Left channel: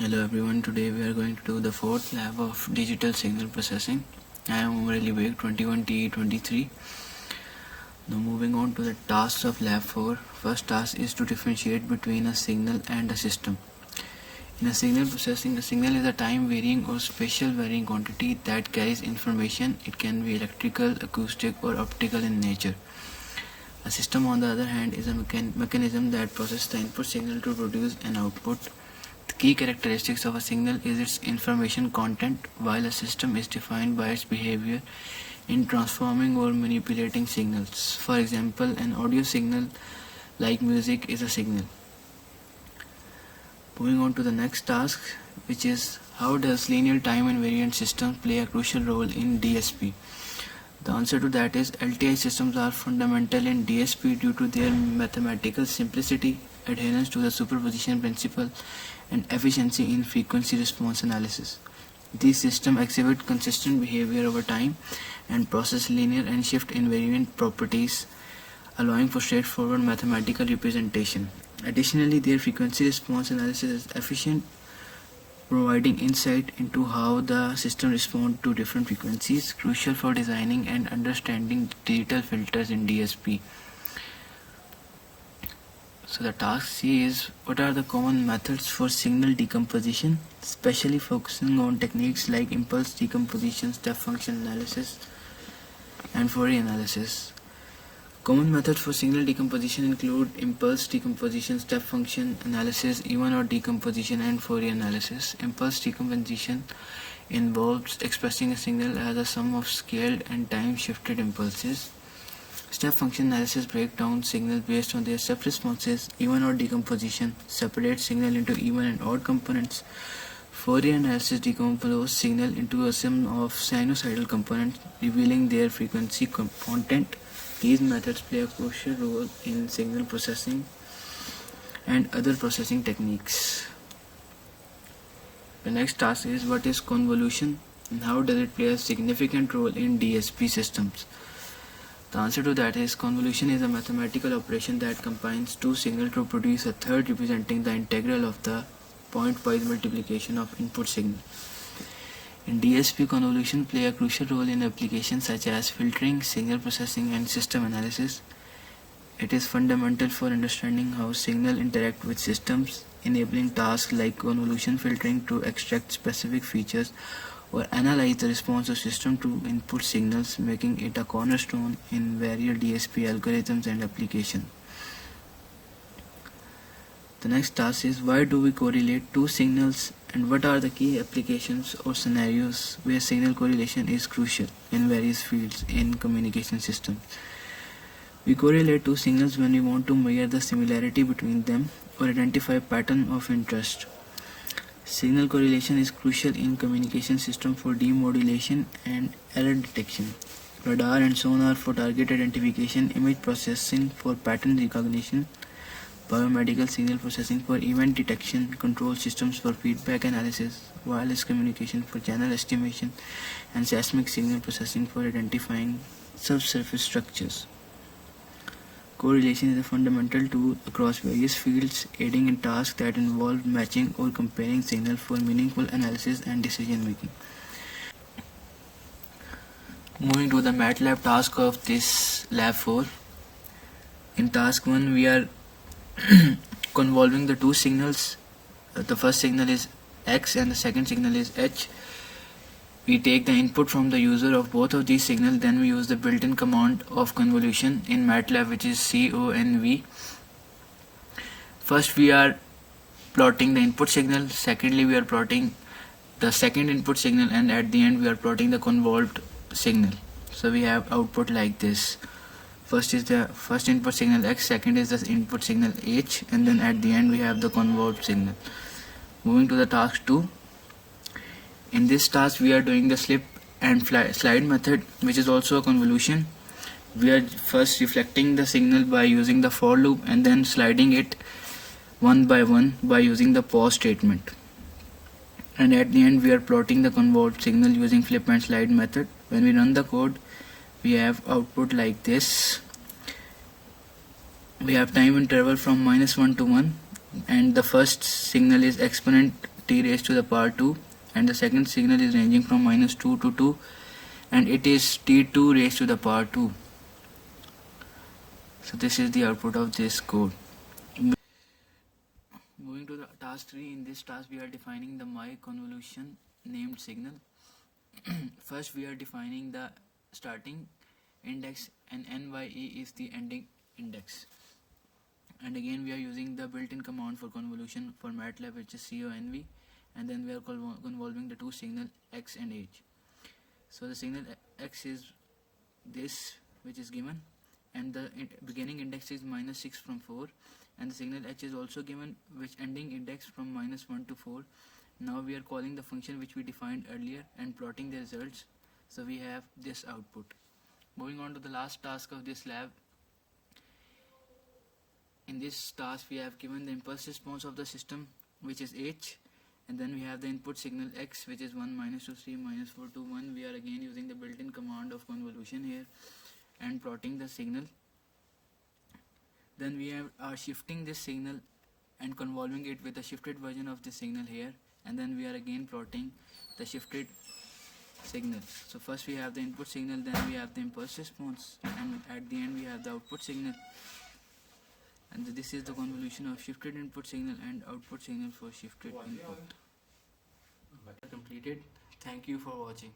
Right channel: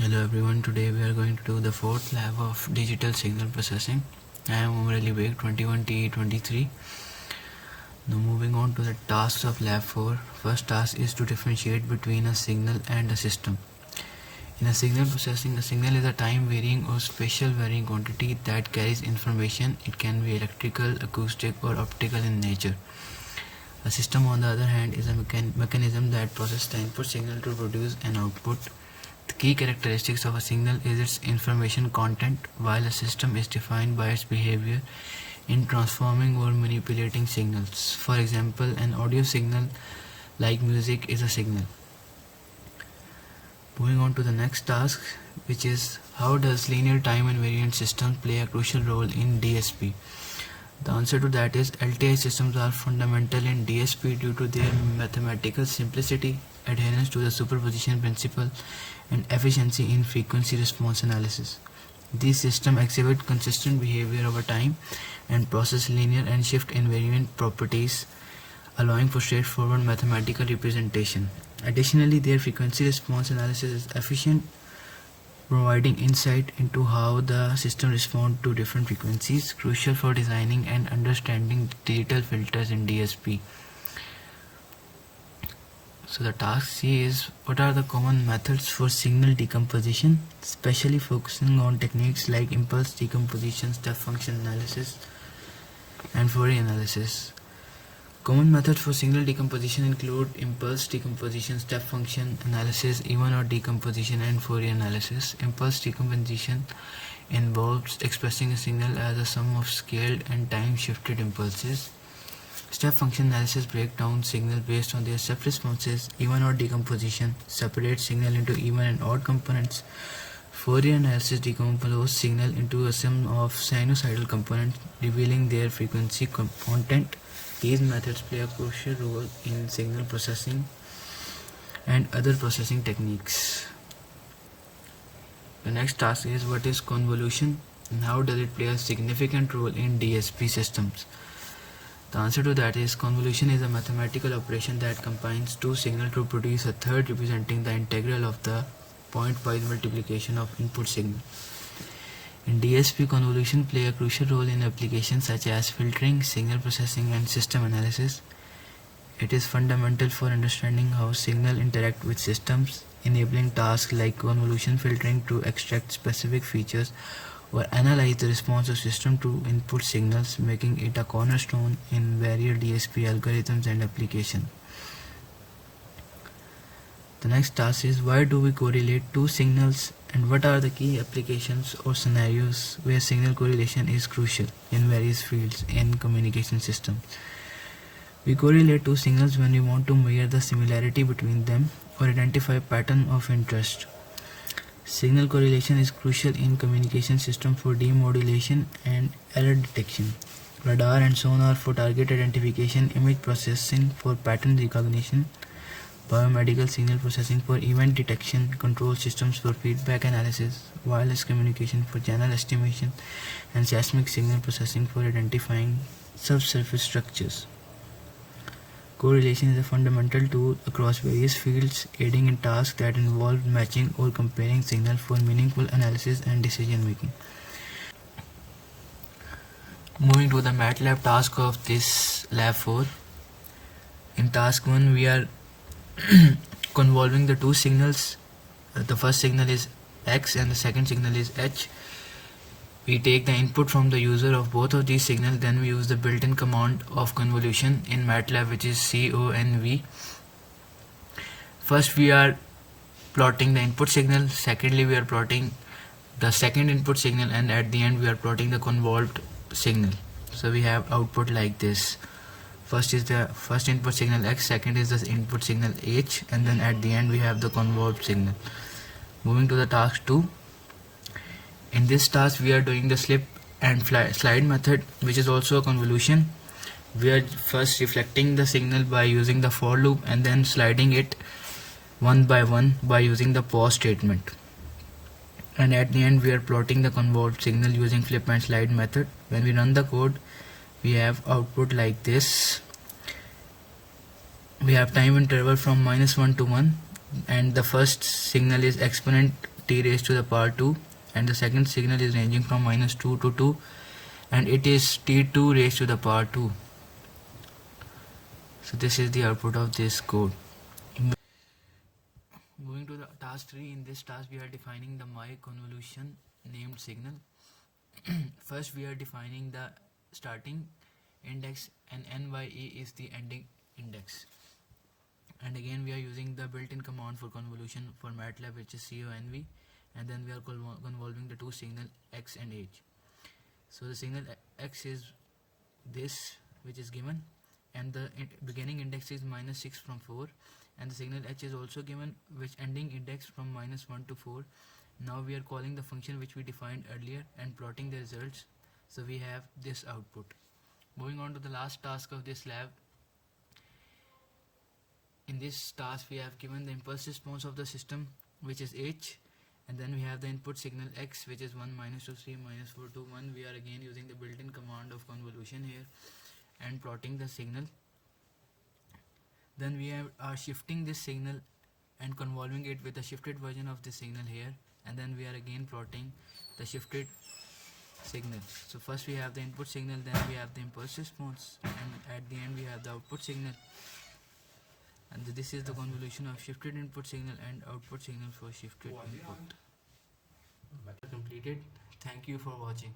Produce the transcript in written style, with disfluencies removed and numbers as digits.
Hello everyone, today we are going to do the fourth lab of digital signal processing. I am Umar Ali Beg, 21TE23. Now moving on to the tasks of lab 4. First task is to differentiate between a signal and a system. In a signal processing, a signal is a time varying or spatial varying quantity that carries information. It can be electrical, acoustic or optical in nature. A system on the other hand is a mechanism that processes the input signal to produce an output. The key characteristics of a signal is its information content, while a system is defined by its behavior in transforming or manipulating signals. For example, an audio signal like music is a signal. Moving on to the next task, which is how does linear time invariant systems play a crucial role in DSP? The answer to that is LTI systems are fundamental in DSP due to their mathematical simplicity, adherence to the superposition principle, and efficiency in frequency response analysis. These systems exhibit consistent behavior over time and possess linear and shift invariant properties, allowing for straightforward mathematical representation. Additionally, their frequency response analysis is efficient, providing insight into how the system responds to different frequencies, crucial for designing and understanding digital filters in DSP. So the task C is what are the common methods for signal decomposition, especially focusing on techniques like impulse decomposition, step function analysis, and Fourier analysis. Common methods for signal decomposition include impulse decomposition, step function analysis, even odd decomposition, and Fourier analysis. Impulse decomposition involves expressing a signal as a sum of scaled and time-shifted impulses. Step function analysis breaks down signals based on their step responses. Even odd decomposition separates signal into even and odd components. Fourier analysis decomposes signal into a sum of sinusoidal components, revealing their frequency content. These methods play a crucial role in signal processing and other processing techniques. The next task is what is convolution and how does it play a significant role in DSP systems. The answer to that is convolution is a mathematical operation that combines two signals to produce a third representing the integral of the pointwise multiplication of input signal. In DSP, convolution play a crucial role in applications such as filtering, signal processing, and system analysis. It is fundamental for understanding how signals interact with systems, enabling tasks like convolution filtering to extract specific features or analyze the response of system to input signals, making it a cornerstone in various DSP algorithms and applications. The next task is why do we correlate two signals and what are the key applications or scenarios where signal correlation is crucial in various fields in communication systems. We correlate two signals when we want to measure the similarity between them or identify a pattern of interest. Signal correlation is crucial in communication system for demodulation and error detection, radar and sonar for target identification, image processing for pattern recognition, biomedical signal processing for event detection, control systems for feedback analysis, wireless communication for channel estimation, and seismic signal processing for identifying subsurface structures. Correlation is a fundamental tool across various fields, aiding in tasks that involve matching or comparing signals for meaningful analysis and decision making. Moving to the MATLAB task of this lab 4. In task 1, we are convolving the two signals. The first signal is X and the second signal is H. We take the input from the user of both of these signals, then we use the built-in command of convolution in MATLAB, which is CONV. First we are plotting the input signal, secondly we are plotting the second input signal, and at the end we are plotting the convolved signal. So we have output like this. First is the first input signal X, second is the input signal H, and then at the end we have the convolved signal. Moving to the task 2. In this task we are doing the slip and slide method, which is also a convolution. We are first reflecting the signal by using the for loop and then sliding it one by one by using the pause statement. And at the end we are plotting the convolved signal using flip and slide method. When we run the code, we have output like this. We have time interval from -1 to 1, and the first signal is exponent t raised to the power 2, and the second signal is ranging from -2 to 2, and it is t2 raised to the power 2. So this is the output of this code. Moving to the task 3, in this task we are defining the my convolution named signal. First we are defining the starting index and NYE is the ending index. And again we are using the built-in command for convolution for MATLAB, which is conv, and then we are convolving the two signal x and h. So the signal x is this, which is given, and the beginning index is -6 from 4, and the signal h is also given, which ending index from -1 to 4. Now we are calling the function which we defined earlier and plotting the results, so we have this output. Moving on to the last task of this lab. In this task we have given the impulse response of the system, which is h, and then we have the input signal x, which is 1, -2, 3, -4, 2, 1. We are again using the built-in command of convolution here and plotting the signal. Then we are shifting this signal and convolving it with a shifted version of the signal here, and then we are again plotting the shifted signal. So first we have the input signal, then we have the impulse response, and at the end we have the output signal. And this is the convolution of shifted input signal and output signal for shifted input. Completed. Thank you for watching.